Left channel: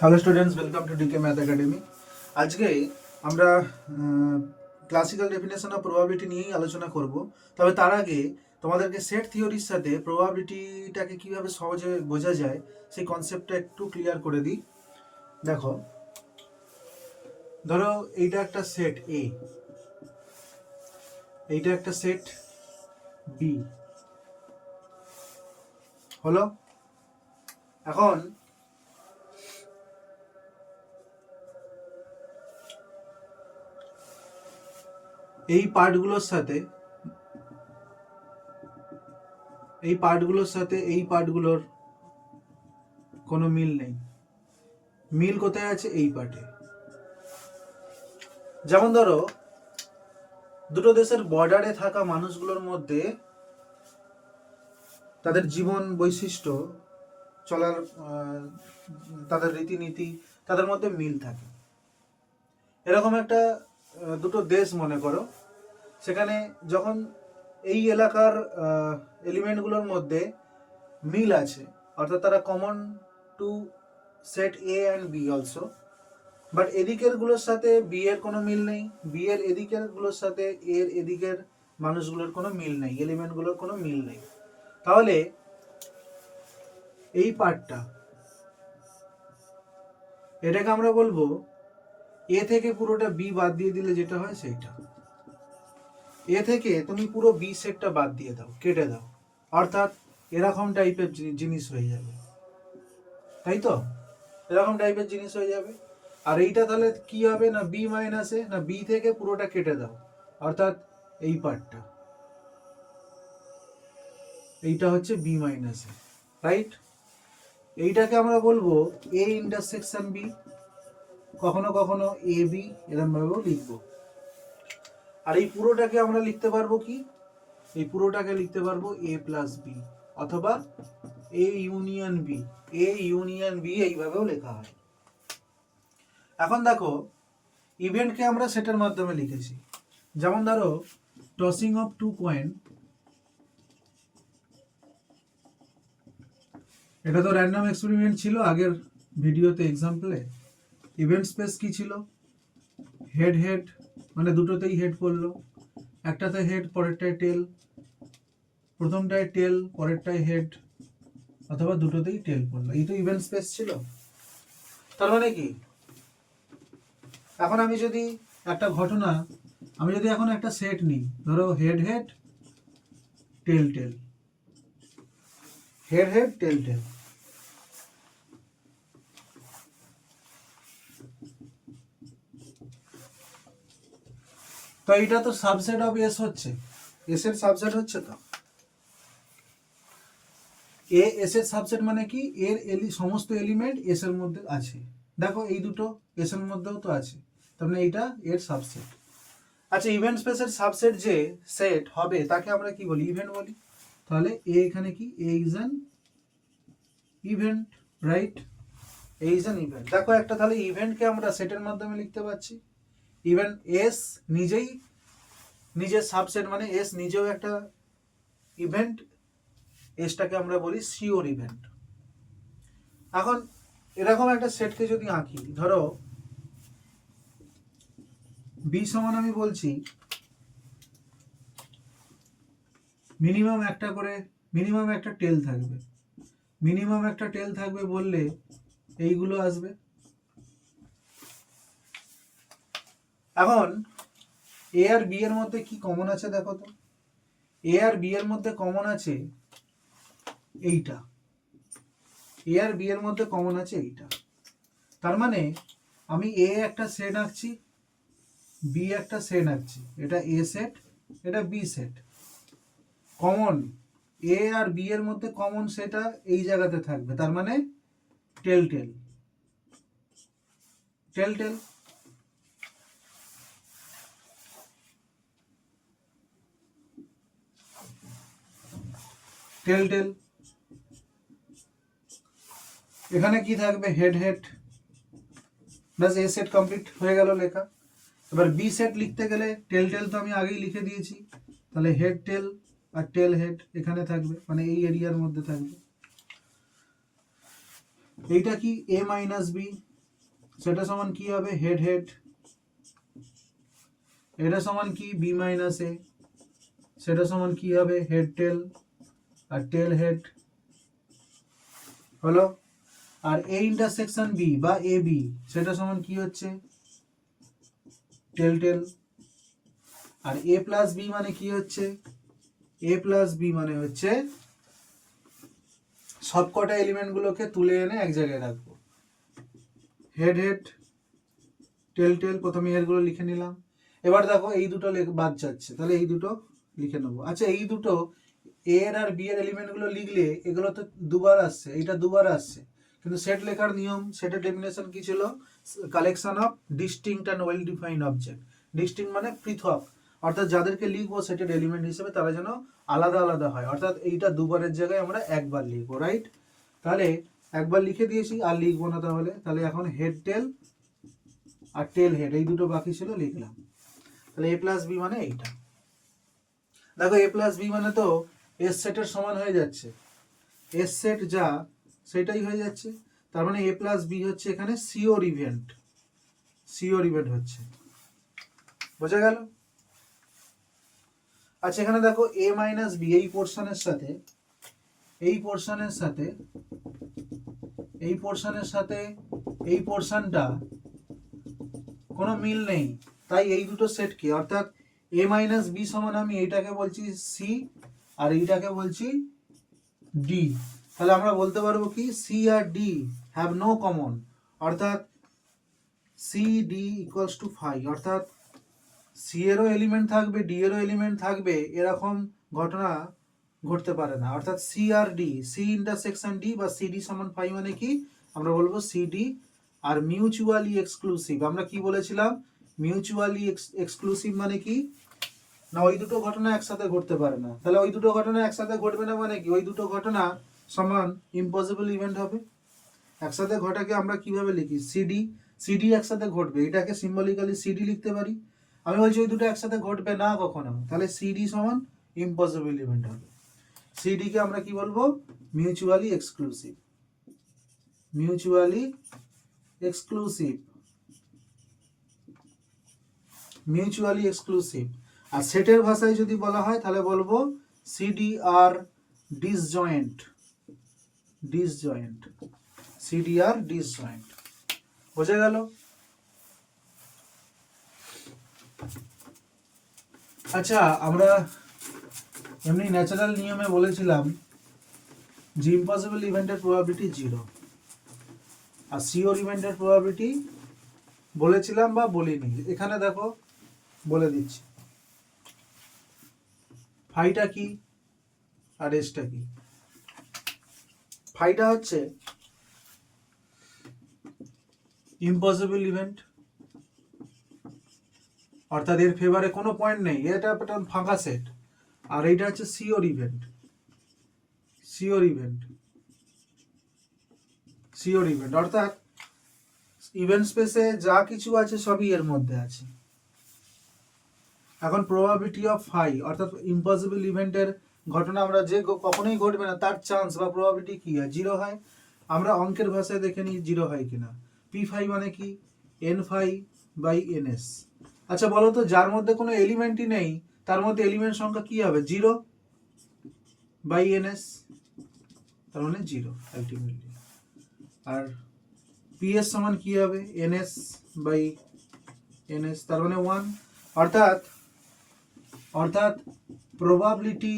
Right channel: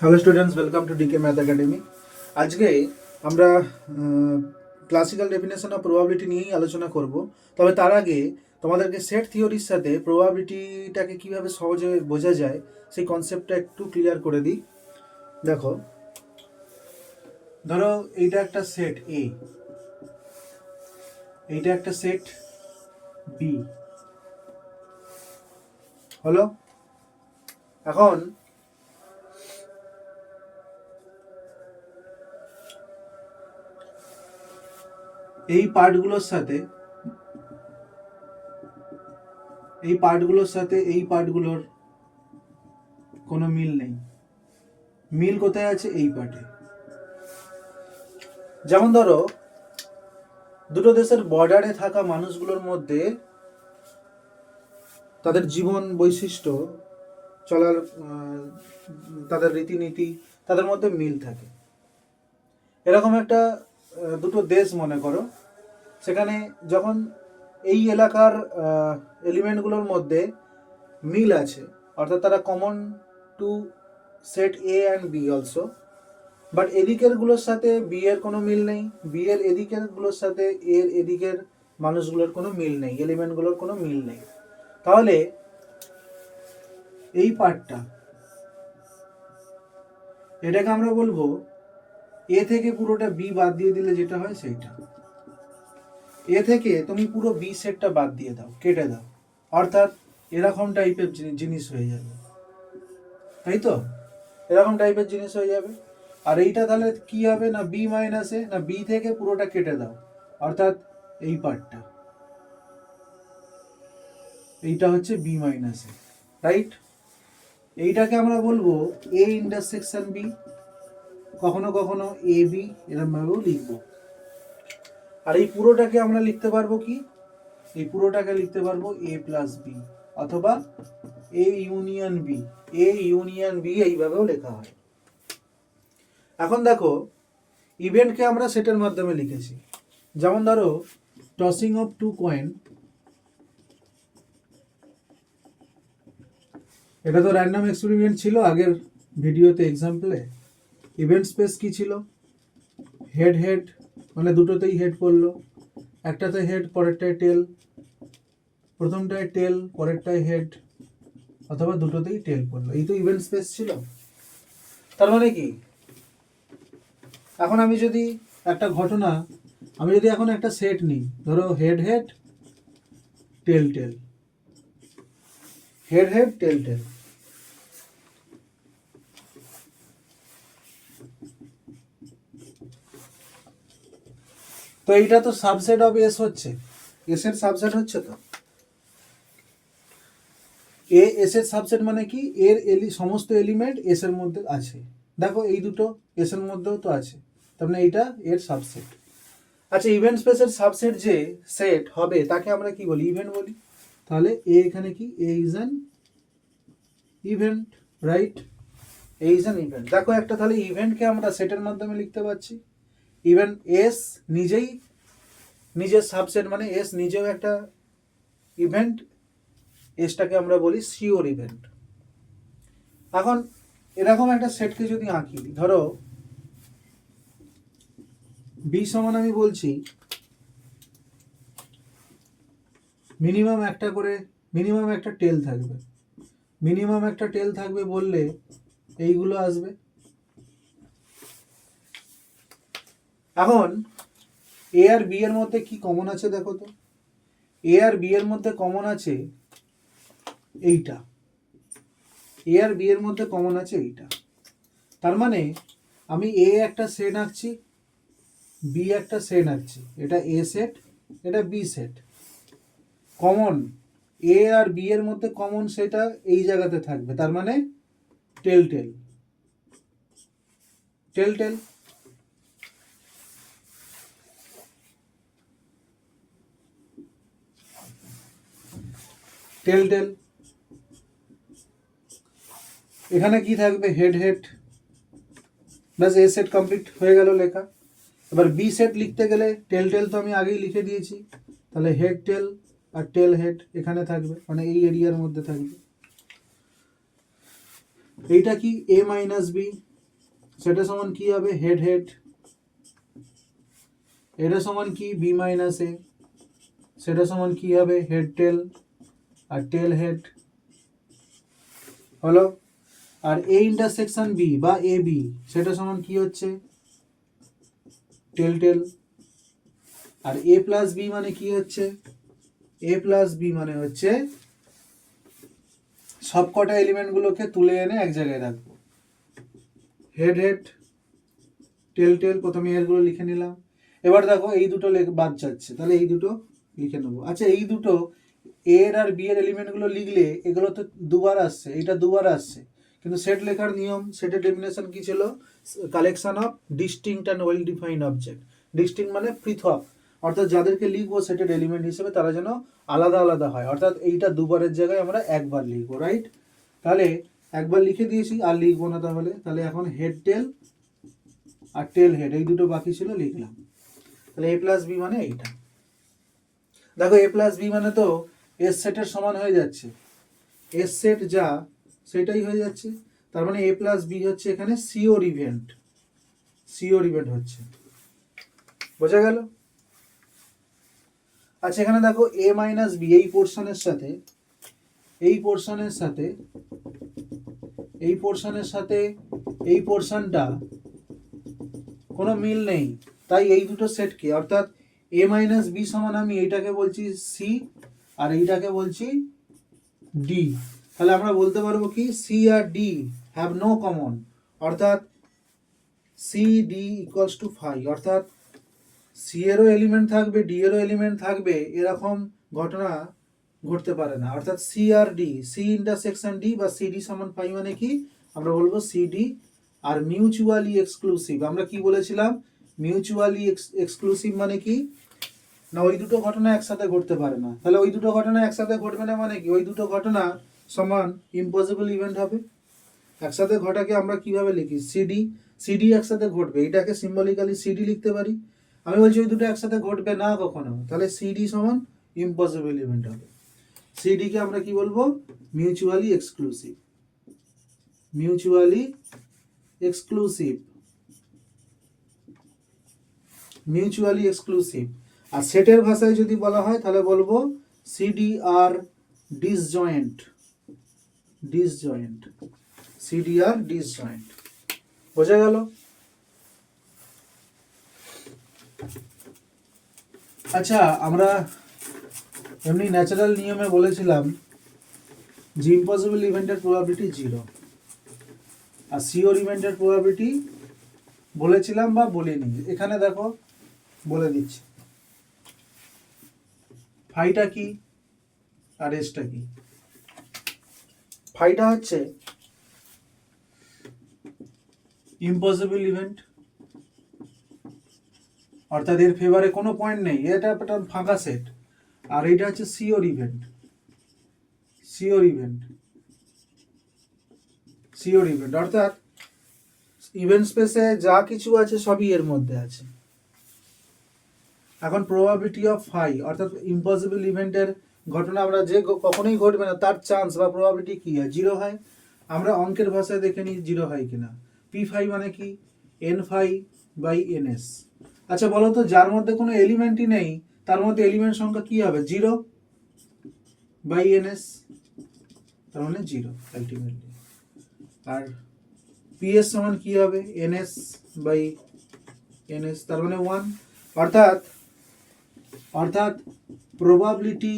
Hello students, welcome to DK math academy. আজকে আমরা classical definition of probability নিয়েই আলোচনা করব। তবে তার আগে তোমাদেরকে সেট থিওরির সাথে প্রবাবিলিটিটাকে কীভাবে সহজে বোঝা যায় সেই কনসেপ্টটা একটু ক্লিয়ার করে দিই। দেখো, ধরো এইটা একটা সেট এ, এইটা একটা সেট বি হলো। এখন এই পার্টগুলোর সাথে এই পার্টগুলোর কোনো মিল নেই। মিল কোথায় আছে? এই পার্টে। যেমন ধরো, দুটো দেশের বর্ডারে থাকা মানুষগুলোর মধ্যে তাদের জীবন বৈশিষ্ট্য, চলার তাদের রীতিনীতি, তাদের মধ্যে মিল থাকে। এরকম একটা দুটো দেশ মনে করো, সেখানে যখন এই এলাকার এলিমেন্টগুলোর মধ্যে মিল আছে, অর্থাৎ তারা common to set A and B also, but এদিকেরগুলোর সাথে বি এর কোনো মিল নেই, বি এর এদিকেরগুলোর সাথে এর এদিকের মানুষগুলোর কোনো মিল নেই, এলিমেন্টগুলোর কোনো মিল নেই, তাহলে এই পার্টটা, এটাকে আমরা বলবো এ থেকে পুরোটা বি বাদ দিয়ে দিলে যেটা হয় সেইটা। এ থেকে তুমি পুরো বি সেটটা বাদ দিয়ে দাও, কেটে দাও, অর্থাৎ এরকম টাইপের জিনিস হয়ে যাবে, তাই তো? এরকম টাইপের জিনিস হয়ে যাবে। আর এইটা তাহলে কি হবে না, বি মাইনাস এ, না বি থেকে পুরোটা কেটে দাও, অর্থাৎ এই পার্টটা, এইটা হচ্ছে বি মাইনাস এ, রাইট? এইটাকে আমরা বলবো এ ইন্টারসেকশন বি, কখনো কখনো এ বি, এরকম ভাবেও লিখবো। আর এই পুরোটাকে আমরা লিখতে পারবো কি, এই পুরোটাকে লিখতে পারবো এ প্লাস বি, অথবা এ ইউনিয়ন বি, এইভাবেও লেখা হয়। এখন দেখো, ইভেন্টকে আমরা সেটের মাধ্যমে লিখেছি। যেমন ধরো, টসিং অফ টু কয়েন, এটা তো র্যান্ডম এক্সপেরিমেন্ট ছিল আগের ভিডিওতে, এক্সাম্পলে। ইভেন্ট স্পেস কি ছিল? হেড হেড, মানে দুটোতেই হেড পড়লো, একটাতে হেড পরেরটায় টেল, প্রথমটায় টেল পরেরটায় হেড, অথবা দুটোতেই টেল পড়লো, এই তো ইভেন্ট স্পেস ছিল। তার মানে কি, এখন আমি যদি একটা ঘটনা, আমি যদি এখন একটা সেট নিই, ধরো হেড হেড টেল টেল, হেড হেড টেল টেল, তো এইটা তো সাবসেট অফ এস হচ্ছে, এস এর সাবসেট হচ্ছে। তো এ এস এর সাবসেট মানে কি, এর সমস্ত এলিমেন্ট এস এর মধ্যে আছে। দেখো এই দুটো এস এর মধ্যেও তো আছে, তার মানে এইটা এর সাবসেট। আচ্ছা, ইভেন্ট স্পেসের সাবসেট যে সেট হবে তাকে আমরা কি বলি? ইভেন্ট বলি। তাহলে এ এখানে কি, A is an event, right? A is an event. দেখো একটা, তাহলে ইভেন্টকে আমরা সেটের মাধ্যমে লিখতে পারছি। ইভেন এস নিজেই নিজের সাবসেট, মানে এস নিজেও একটা ইভেন্ট, এসটাকে আমরা বলি শিওর ইভেন্ট। এখন এরকম একটা সেটকে যদি আঁকি, ধরো বি সমান, আমি বলছি মিনিমাম একটা টেল থাকবে, মিনিমাম একটা টেল থাকবে বললে এইগুলো আসবে। এখন এ আর বি এর মধ্যে কি কমন আছে দেখো তো, এ আর বি এর মধ্যে কমন আছে এইটা, এ আর বি এর মধ্যে কমন আছে এইটা। তার মানে আমি এ একটা সেট আঁকছি, বি একটা সেট আঁকছি, এটা এ সেট, এটা বি সেট। কমন এ আর বি এর মধ্যে কমন সেটা এই জায়গাতে থাকবে, তার মানে টেল টেল টেল টেল। টেল টেল, এখানে কি থাকবে? হেড হেড, ব্যাস এ সেট কমপ্লিট হয়ে গেল লেখা। এবার বি সেট লিখতে গেলে টেল টেল তো আমি আগেই লিখে দিয়েছি, তাহলে হেড টেল আর টেল হেড এখানে থাকবে, মানে এই এরিয়ার মধ্যে থাকবে। এইটা কি? এ মাইনাস বি, সেটা সমান কি হবে হেড হেড, এটা সমান কি বি মাইনাস এ, সেটা সমান কি হবে হেড টেল আর টেল হেড হলো। আর এ ইন্টারসেকশন বি বা এ বি সেটা সমান কি হচ্ছে টেল টেল। আর এ প্লাস বি মানে কি হচ্ছে, এ প্লাস বি মানে হচ্ছে সবকটা এলিমেন্টগুলোকে তুলে এনে এক জায়গায় রাখবো, হেড হেড টেল টেল, প্রথমে এরগুলো লিখে নিলাম। এবার দেখো এই দুটো বাদ যাচ্ছে, তাহলে এই দুটো লিখে নেবো। আচ্ছা এই দুটো এর আর বি এর এলিমেন্টগুলো লিখলে এগুলো তো দুবার আসছে, এটা দুবার আসছে, কিন্তু সেট লেখার নিয়ম, সেটের ডেফিনেশন কি ছিল, collection of distinct and well defined object. Distinct মানে পৃথক, অর্থাৎ যাদেরকে লিখবো সেটের এলিমেন্ট হিসেবে তারা যেন আলাদা আলাদা হয়, অর্থাৎ এইটা দুবারের জায়গায় আমরা একবার লিখবো, রাইট। তাহলে একবার লিখে দিয়েছি আর লিখবো না, তাহলে তাহলে এখন হেড টেল আর টেল হেড এই দুটো বাকি ছিল লিখলাম। তাহলে এ প্লাস বি মানে এইটা। দেখো এ প্লাস বি মানে তো এস সেটের সমান হয়ে যাচ্ছে, এস সেট যা সেটাই হয়ে যাচ্ছে, তার মানে এ প্লাস বি হচ্ছে এখানে সিওর ইভেন্ট, সিওর ইভেন্ট হচ্ছে, বোঝা গেল। আচ্ছা এখানে দেখো এ মাইনাস বি এই পোর্শনের সাথে এই পোর্শনের সাথে এই পোর্শনের সাথে এই পোর্শনটা কোনো মিল নেই, তাই এই দুটো সেট কি, অর্থাৎ এ মাইনাস বি সমান আমি এইটাকে বলছি সি আর এইটাকে বলছি ডি। তাহলে আমরা বলতে পারবো কি সি আর ডি হ্যাভ নো কমন, অর্থাৎ C D equals to phi, অর্থাৎ সি এরও এলিমেন্ট থাকবে ডি এরও এলিমেন্ট থাকবে, এরকম ঘটনা ঘটতে পারে না। অর্থাৎ সি আর ডি, সি ইন্টারসেকশন ডি বা সি ডি সমান ফাই মানে কি, আমরা বলবো সি ডি আর মিউচুয়ালি এক্সক্লুসিভ। আমরা কি বলেছিলাম, মিউচুয়ালি এক্সক্লুসিভ মানে কি না, ওই দুটো ঘটনা একসাথে ঘটতে পারে না। তাহলে ওই দুটো ঘটনা একসাথে ঘটবে না মানে কি, ওই দুটো ঘটনা সমান ইম্পসিবল ইভেন্ট হবে। একসাথে ঘটাকে আমরা কিভাবে লিখি, সিডি, সিডি একসাথে ঘটবে, এটাকে সিম্বলিক্যালি সিডি লিখতে পারি। আমি বলছি ওই দুটো একসাথে ঘটবে না কখনো, তাহলে সিডি সমান ইম্পসিবল ইভেন্ট হবে। সিডি কে আমরা কি বলবো, mutually exclusive, mutually exclusive, mutually exclusive. আর সেটের ভাষায় যদি বলা হয় তাহলে বলবো সিডি আর ডিসজয়েন্ট, ডিসজয়েন্ট, সিডি আর ডিসজয়েন্ট, বোঝা গেল। আচ্ছা আমরা এমনি ন্যাচারাল নিয়মে বলেছিলাম যে ইম্পসিবল ইভেন্টের প্রবাবিলিটি 0 আর সিওর ইভেন্টের প্রবাবিলিটি বলেছিলাম বা বলিনি, এখানে দেখো বলে দিচ্ছি। ফাইটা কি আর এসটা কি। ফাইটা হচ্ছে ইম্পসিবল ইভেন্ট, অর্থাৎ এর ফেভারে কোনো পয়েন্ট নেই, এটা একটা ফাঁকা সেট। আর এটা হচ্ছে sure event, sure event, sure event, অর্থাৎ ইভেন্ট স্পেসে যা কিছু আছে সবই এর মধ্যে আছে। এখন প্রবাবিলিটি অফ ফাই অর্থাৎ ইম্পসিবল ইভেন্টের ঘটনা আমরা যে কখনোই ঘটবে না তার চান্স বা প্রবাবিলিটি কি হয়, 0 হয়। আমরা অঙ্কের ভাষায় দেখে নিই 0 হয় কিনা। পি ফাই মানে কি, N phi by N S. আচ্ছা বলো তো যার মধ্যে কোনো এলিমেন্টই নেই তার মধ্যে এলিমেন্ট সংখ্যা কি হবে, 0 বাই এন এস, তার মানে 0 আলটিমেটলি। আর পি এস সমান কি হবে, N S by N S, তার মানে 1। অর্থাৎ অর্থাৎ probability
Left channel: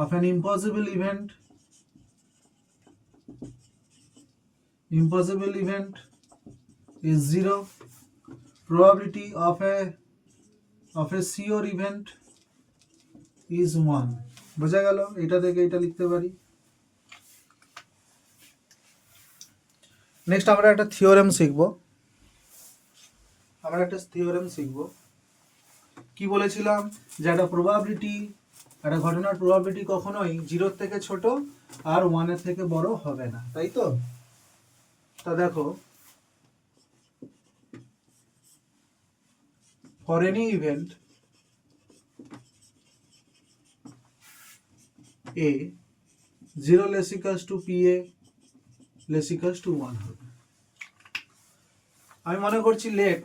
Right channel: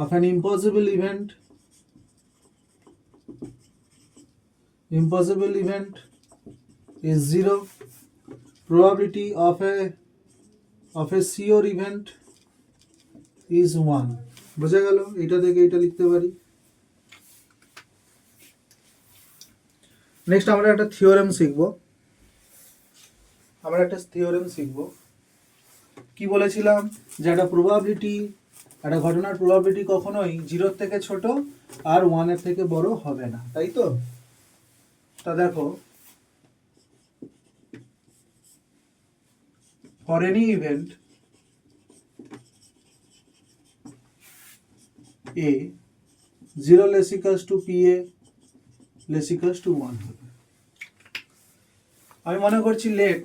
of an impossible event is 0. Probability of a sure event is 1. বোঝা গেল, এটা থেকে এটা লিখতে পারি। নেক্সট আমরা একটা থিওরেম শিখবো, আমরা একটা থিওরেম শিখবো। কি বলেছিলাম যে একটা প্রবাবিলিটি, একটা ঘটনার প্রবাবিলিটি কখনোই 0 থেকে ছোট আর 1 এর থেকে বড় হবে না, তাই তো। তা দেখো for any event A 0 less equals to PA less equals to 1 হবে। আমি মনে করছি let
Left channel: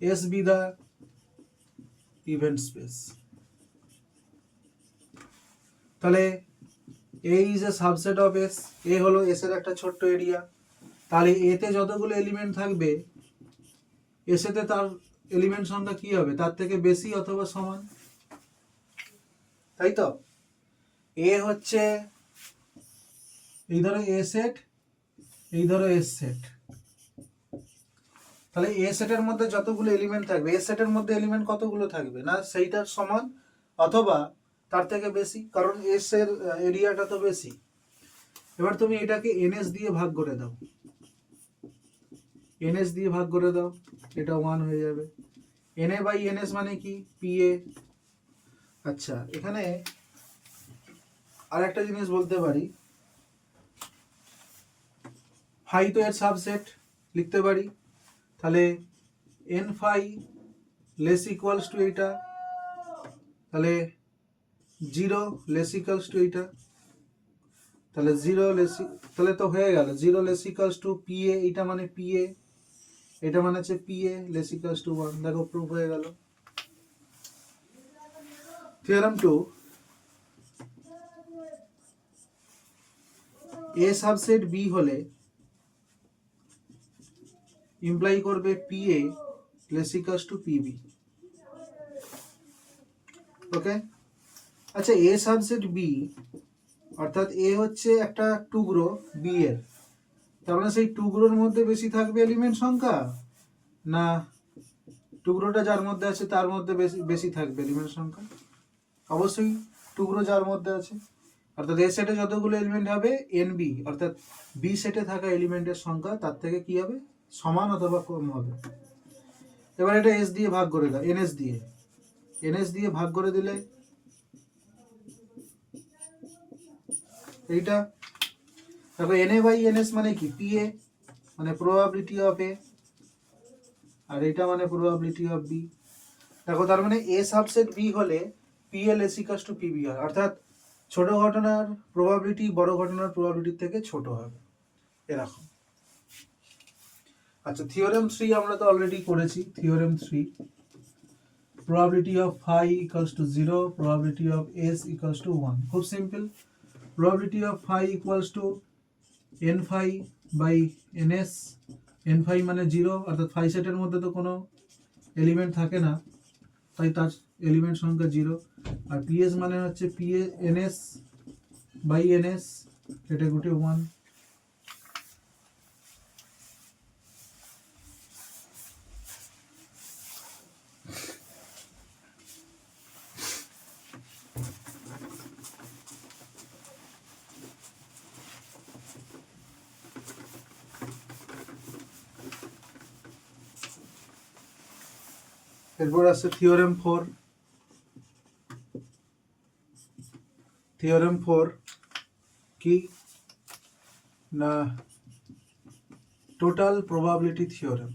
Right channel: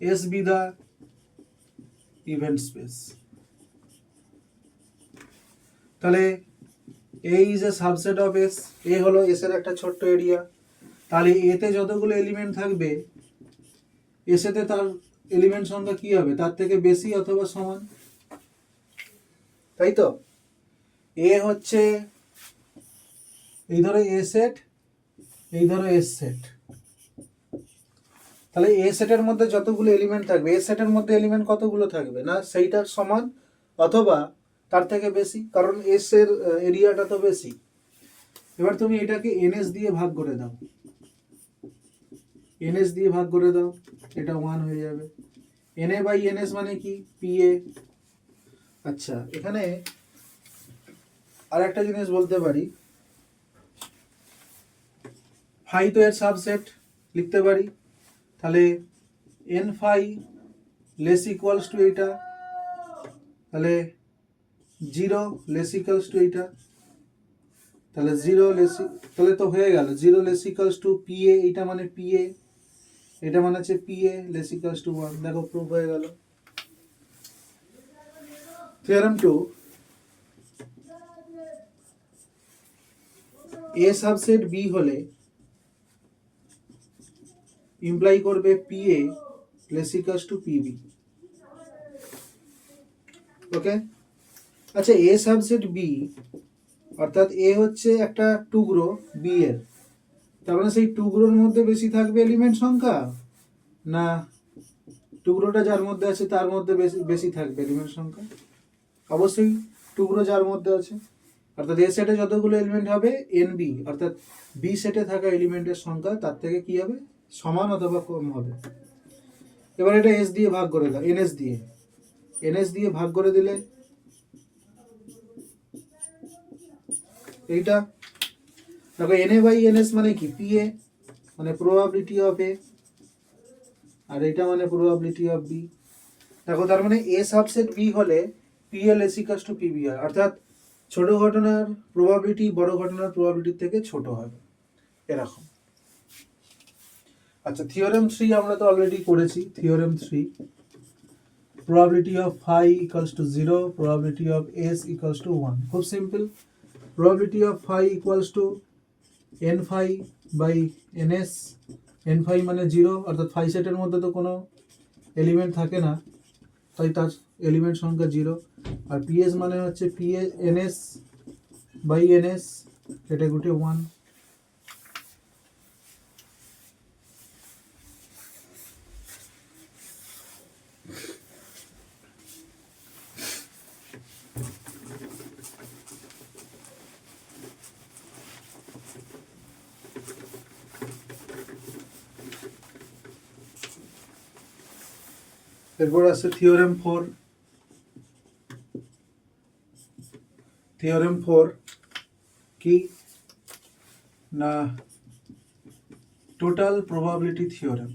S be the event space. তাহলে A is a subset of S, A হলো এস এর একটা ছোট্ট এরিয়া। তাহলে এতে যতগুলো এলিমেন্ট থাকবে এসেতে তার এলিমেন্ট সংখ্যা কি হবে, তার থেকে বেশি অথবা সমান, তাই তো? এ হচ্ছে এই ধরো এ সেট, এই ধরো এস সেট। তাহলে এ সেটের মধ্যে যতগুলো এলিমেন্ট থাকবে, এ সেটের মধ্যে এলিমেন্ট কতগুলো থাকবে না সেইটার সমান অথবা তার থেকে বেশি, কারণ এস এর এরিয়াটা তো বেশি। এবার তুমি এটাকে এনএস দিয়ে ভাগ করে দাও, এনএস দিয়ে ভাগ করে দাও, এটা 1 হয়ে যাবে। এনএ বাই এনএস মানে কি, পিএ। আচ্ছা, এখানে আর একটা জিনিস বলতে পারি, ফাই তো এর সাবসেট লিখতে পারি। তাহলে N phi less equals to এইটা, তাহলে 0 লেস ইকুয়ালস টু এইটা, তাহলে 0 লেস, তাহলে তো হয়ে গেল 0 লেস ইকুয়ালস টু পিএ, এইটা মানে পিএ, এটা মানে হচ্ছে পিএ লেস ইকুয়ালস টু 1। দেখো প্রুফ হয়ে গেল। থিওরেম 2, এ সাবসেট বি হলে ইমপ্লাই করবে PA less equals to PB. Okay, আচ্ছা এ সাবসেট বি অর্থাৎ এ হচ্ছে একটা টুকরো বি এর, তার মানে সেই টুকরোর মধ্যে বেশি থাকবে এলিমেন্ট সংখ্যা, না টুকরোটা যার মধ্যে আছে তার মধ্যে বেশি বেশি থাকবে এলিমেন্ট সংখ্যা? অবশ্যই টুকরো যার মধ্যে আছে, অর্থাৎ এ সেটে যতগুলো এলিমেন্ট হবে এন বি অর্থাৎ বি সেটে থাকা এলিমেন্টের সংখ্যা তার থেকে কি হবে, সমান অথবা কম হবে। এবার এটা এস দিয়ে ভাগ করে দাও, এনএস দিয়ে, এনএস দিয়ে ভাগ করে দিলে এইটা দেখো এনএ বাই এনএস মানে কি, পিএ মানে প্রবাবিলিটি অফ এ, আর এইটা মানে প্রবাবিলিটি অফ বি। দেখো তার মানে এ সাবসেট বি হলে PA less equals to PB হয়, অর্থাৎ ছোট ঘটনার প্রবাবিলিটি বড় ঘটনার প্রবাবিলিটির থেকে ছোট হবে, এরকম। আচ্ছা থিওরেম 3 আমরা তো অলরেডি করেছি। Theorem 3, probability of phi equals to 0, probability of s equals to 1. খুব simple, probability of phi equals to n phi by ns, n phi মানে 0, অর্থাৎ phi সেটের মধ্যে তো কোনো এলিমেন্ট থাকে না, তাই তার এলিমেন্ট সংখ্যা 0। আর ps মানে হচ্ছে pa ns by ns, এটা গুটে 1। এরপর আছে থিওরেম 4। থিওরেম 4 কি না, টোটাল প্রবাবিলিটি থিওরেম।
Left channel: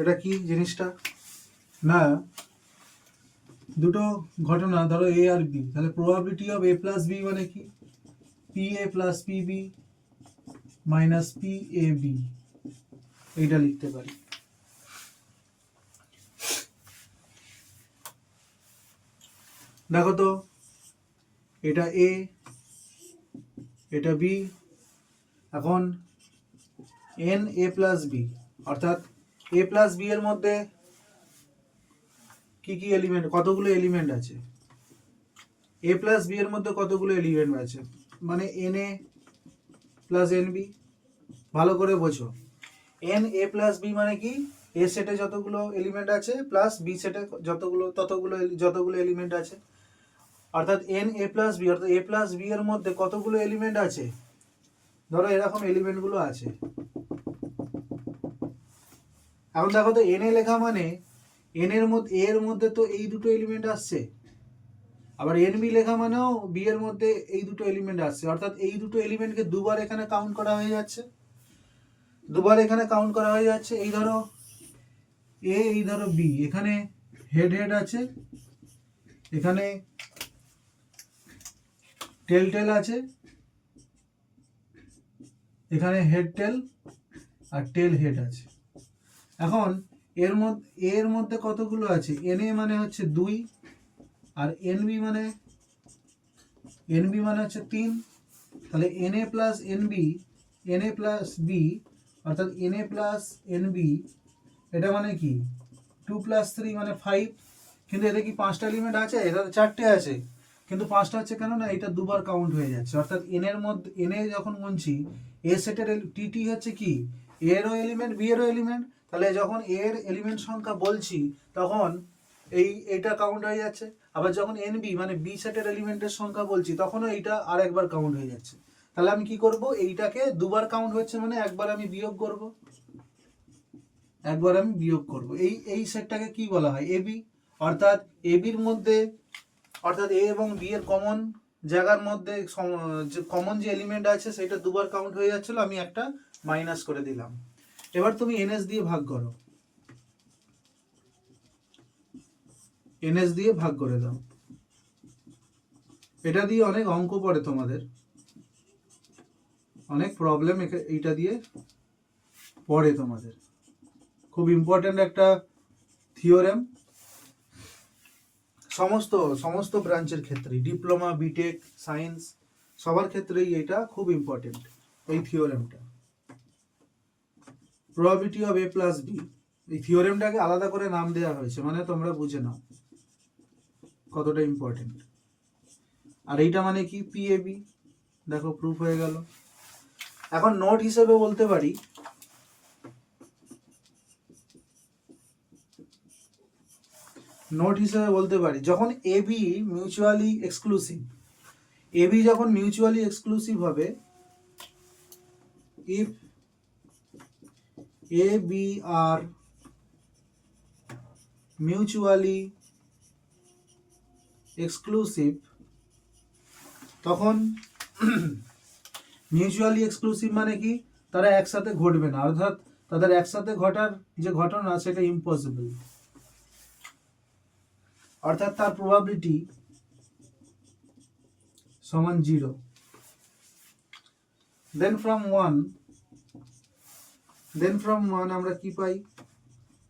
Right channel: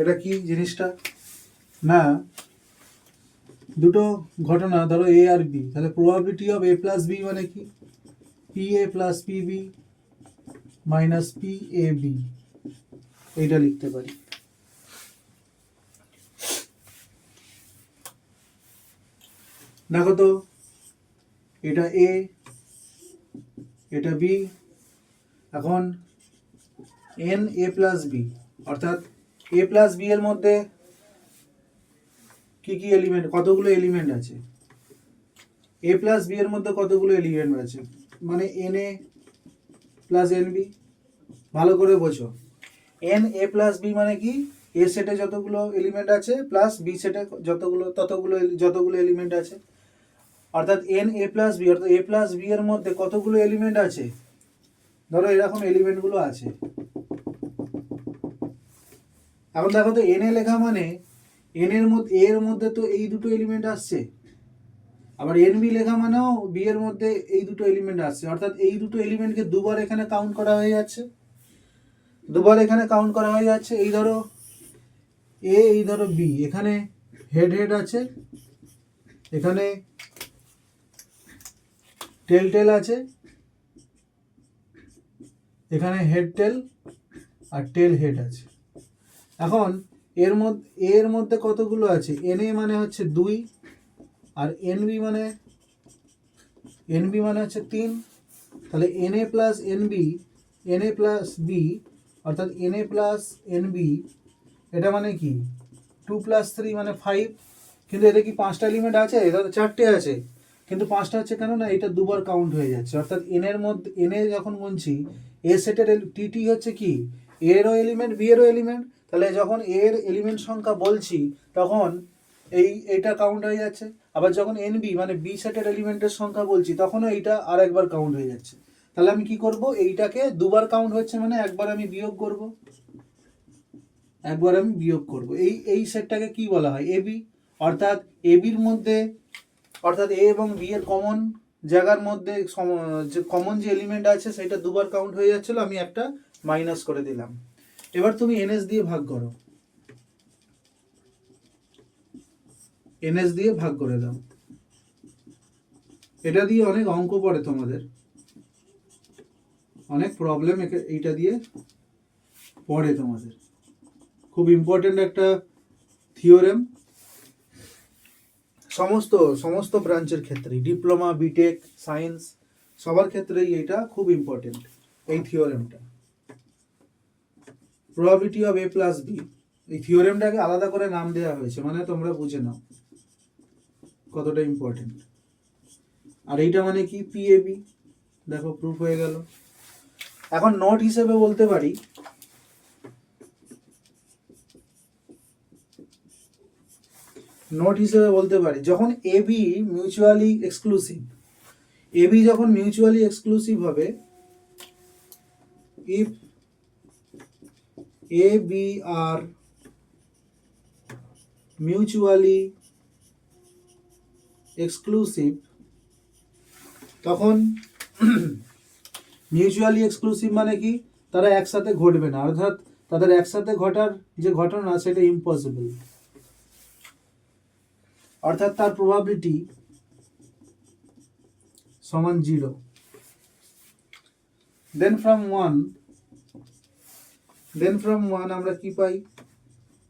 এটা কি জিনিসটা না, দুটো ঘটনা ধরো এ আর বি, তাহলে probability of A plus B মানে কি, P A plus P B minus P A B, এইটা লিখতে পারি। দেখো তো এটা এ, এটা বি, এখন এন এ প্লাস বি অর্থাৎ এ প্লাস বি এর মধ্যে কি কি এলিমেন্ট, কতগুলো এলিমেন্ট আছে, এ প্লাস বি এর মধ্যে কতগুলো এলিমেন্ট আছে, মানে N A plus N B. ভালো করে বোঝো, এন এ প্লাস বি মানে কি, এ সেটে যতগুলো এলিমেন্ট আছে প্লাস বি সেটে যতগুলো এলিমেন্ট আছে, অর্থাৎ এন এ প্লাস বি অর্থাৎ এ প্লাস বি এর মধ্যে কতগুলো এলিমেন্ট আছে, ধরো এরকম এলিমেন্টগুলো আছে। এখন দেখো তো এন এ লেখা মানে এন এর মধ্যে এর মধ্যে তো এই দুটো এলিমেন্ট আসছে, আবার এন বি লেখা মানেও বি এর মধ্যে এই দুটো এলিমেন্ট আসছে, অর্থাৎ এই দুটো এলিমেন্টকে দুবার এখানে কাউন্ট করা হয়ে যাচ্ছে, দুবার এখানে কাউন্ট করা হয়ে যাচ্ছে। এই ধরো এ, এই ধরো বি, এখানে হেড হেড আছে, এখানে টেল টেল আছে, এখানে হেড টেল আর টেল হেড আছে। এখন এর মধ্যে কতগুলো আছে, এনএ মানে হচ্ছে 2 আর এনবি মানে হচ্ছে 3, তাহলে N A plus N B, N A plus B অর্থাৎ এনএ প্লাস এনবি, এটা মানে কি 2 + 3 মানে 5। কিন্তু এতে কি 5টা এলিমেন্ট আছে? এটা 4টে আছে, কিন্তু 5টা হচ্ছে কেন না এটা দুবার কাউন্ট হয়ে যাচ্ছে। অর্থাৎ এর মধ্যে এনে যখন গুনছি এ সেটের টিটি হচ্ছে কি এরও এলিমেন্ট বি এরও এলিমেন্ট, তাহলে যখন এর এলিমেন্ট সংখ্যা বলছি তখন এইটা কাউন্ট হয়ে যাচ্ছে। আবার যখন এনবি মানে বি সেটের এলিমেন্টের সংখ্যা বলছি তখনও এইটা আরেকবার কাউন্ট হয়ে যাচ্ছে। তাহলে আমি কি করব, এইটাকে দুবার কাউন্ট হচ্ছে মানে একবার আমি বিয়োগ করব, এই সেটটাকে কি বলা হয়, এবি। অর্থাৎ এবির মধ্যে, অর্থাৎ এ এবং বি এর কমন জায়গার মধ্যে যে কমন যে এলিমেন্ট আছে সেটা দুবার কাউন্ট হয়ে যাচ্ছিল, আমি একটা মাইনাস করে দিলাম। এবার তুমি এনএস দিয়ে ভাগ করো, এনএস দিয়ে ভাগ করে দাও। এটা দিয়ে অনেক অঙ্ক পড়ে তোমাদের, অনেক প্রবলেম এইটা দিয়ে পড়ে তোমাদের, খুব ইম্পর্টেন্ট একটা থিওরেম। সমস্ত ব্রাঞ্চের ক্ষেত্রে, ডিপ্লোমা, বিটেক, সায়েন্স সবার ক্ষেত্রেই এটা খুব ইম্পর্টেন্ট এই থিওরেমটা। Probability of A plus B, এই থিওরেমটাকে আলাদা করে নাম দেওয়া হয়েছে, মানে তোমরা বুঝে নাও কতটা ইম্পর্টেন্ট। আর এইটা মানে কি পিএবি, দেখো প্রুফ হয়ে গেল। এখন নোট হিসেবে বলতে পারি, যখন এবি মিউচুয়ালি এক্সক্লুসিভ হবে, if A B are mutually exclusive, তখন মিউচুয়ালি এক্সক্লুসিভ মানে কি তারা একসাথে ঘটবে না, অর্থাৎ তাদের একসাথে ঘটার যে ঘটনা সেটা ইম্পসিবল, অর্থাৎ তার প্রবাবিলিটি সমান 0। দেন ফ্রম 1 আমরা কি পাই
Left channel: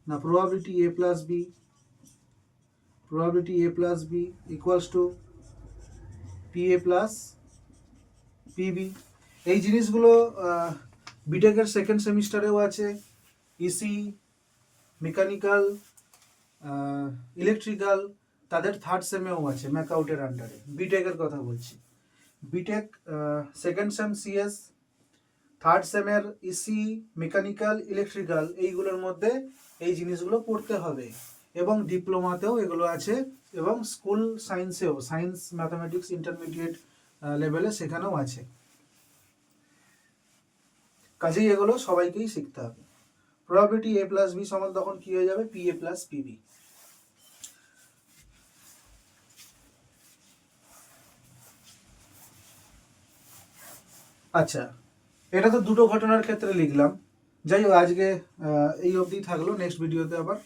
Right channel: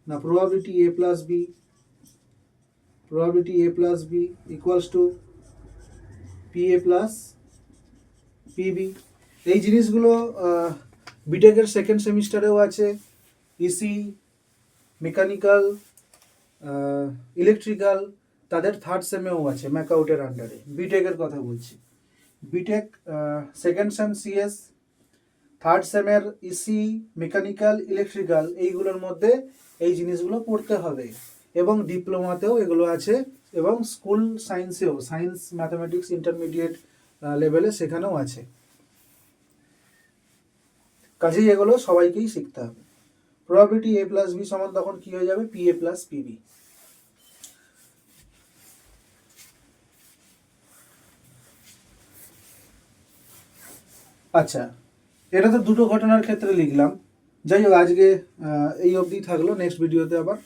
না, probability a plus B equals to PA plus PB। এই জিনিসগুলো বিটেকের সেকেন্ড সেমিস্টারেও আছে, ইসি, মেকানিক্যাল, ইলেকট্রিক্যাল তাদের থার্ড সেমেও আছে ম্যাকআউটের আন্ডারে। বিটেকের কথা বলছি, BTech second sem CS, third সেমের ইসি, মেকানিক্যাল, ইলেকট্রিক্যাল এইগুলোর মধ্যে এই জিনিসগুলো পড়তে হবে, এবং ডিপ্লোমাতেও এগুলো আছে, এবং স্কুল সায়েন্সেও, সায়েন্স ম্যাথামেটিক্স ইন্টারমিডিয়েট লেভেলে সেখানেও আছে। কাজেই এগুলো সবাইকেই শিখতে হবে। প্রবাবিলিটি a প্লাস বি সমান তখন কি হয়ে যাবে, PA প্লাস PB। আচ্ছা, এটা তো দুটো ঘটনার ক্ষেত্রে লিখলাম। যাই হোক, আজকে এই অবধি থাকলো, নেক্সট ভিডিওতে আবার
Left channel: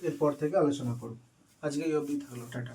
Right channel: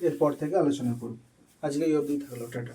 এরপর থেকে আলোচনা করব। আজকে এই অবধি থাকলো, টাটা।